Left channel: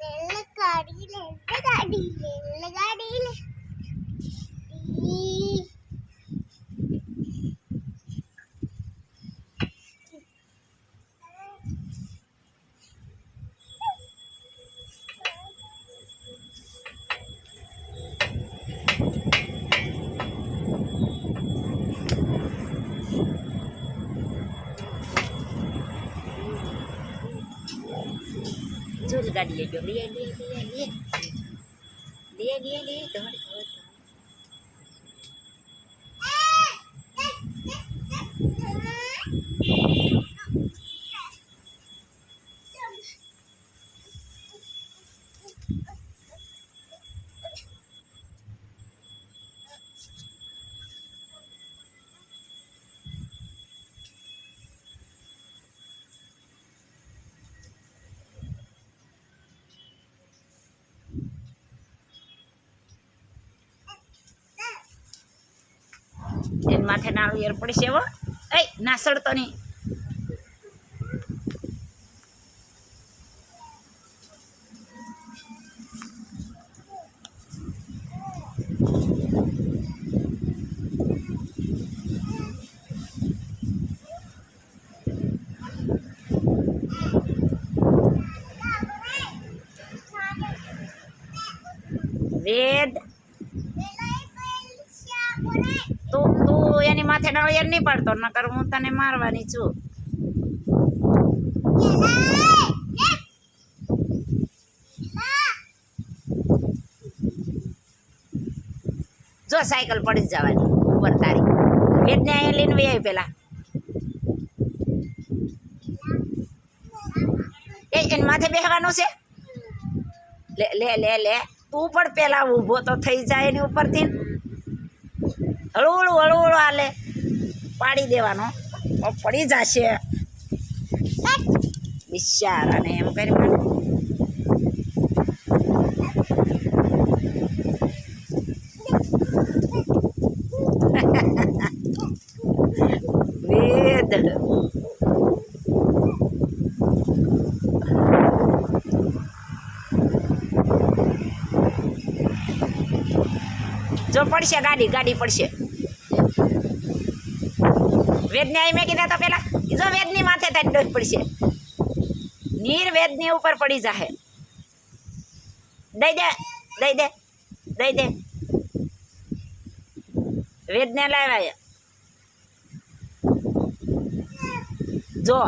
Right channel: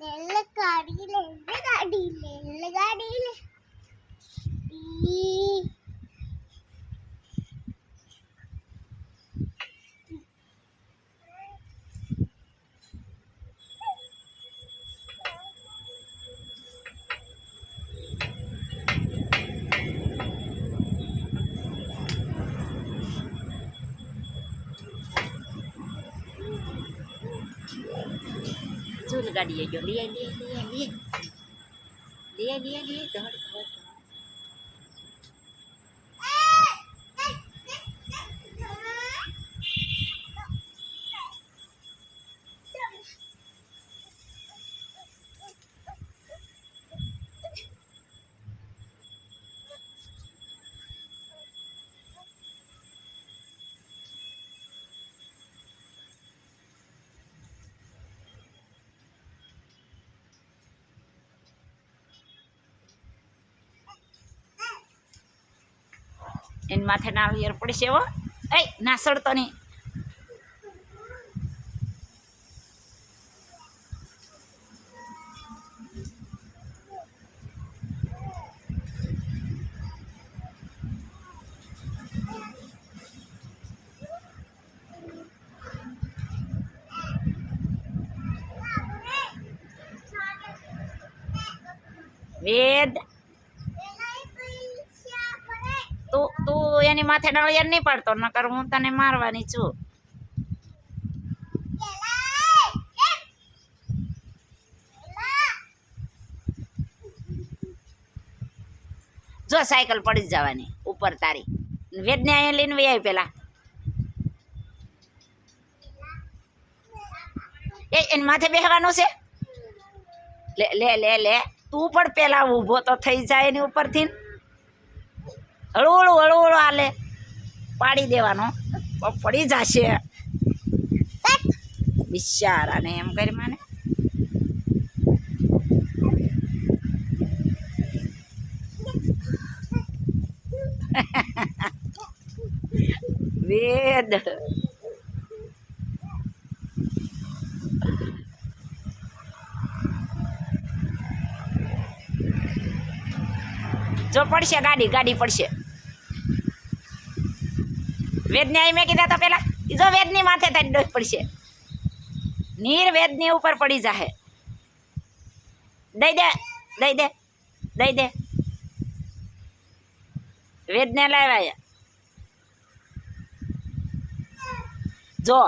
રેલગાડી રેલગાડી રેલગાડી જો ગાડી આવી ગયો લે લે લે લે લે લે લે દોડ દોડ એને માથે નાળિયેર પડશે હો એ ના સડતો નહીં વેદ તું એની માથે નાળિયેર નહીં પાડતો નકર હું તને મારવાની છું જો સાયકલ પડી જ જવાની ઉપર તારી વેદને અહીંયા લઈને વહી આવી પેલા એની માથે બેસવાનું છે લે લે લે લે તું પણ પેલા ઊભો તો થઈ જાય એની ઉપરથી હળવું હળવું હાલે પાડી દેવાનો પડી જશે બિચારાને એમ કરી મને વેદ જો પડશે ગાડી ગાડી પડશે વેદને અહીં મેં કીધા તો પેલા જો વેદની માથે તારી ડોસ પડશે નીર વેદની ઉપર પડી જાહે દઈ દે દઈ દે દઈ દે વેદને લાવ્યા જો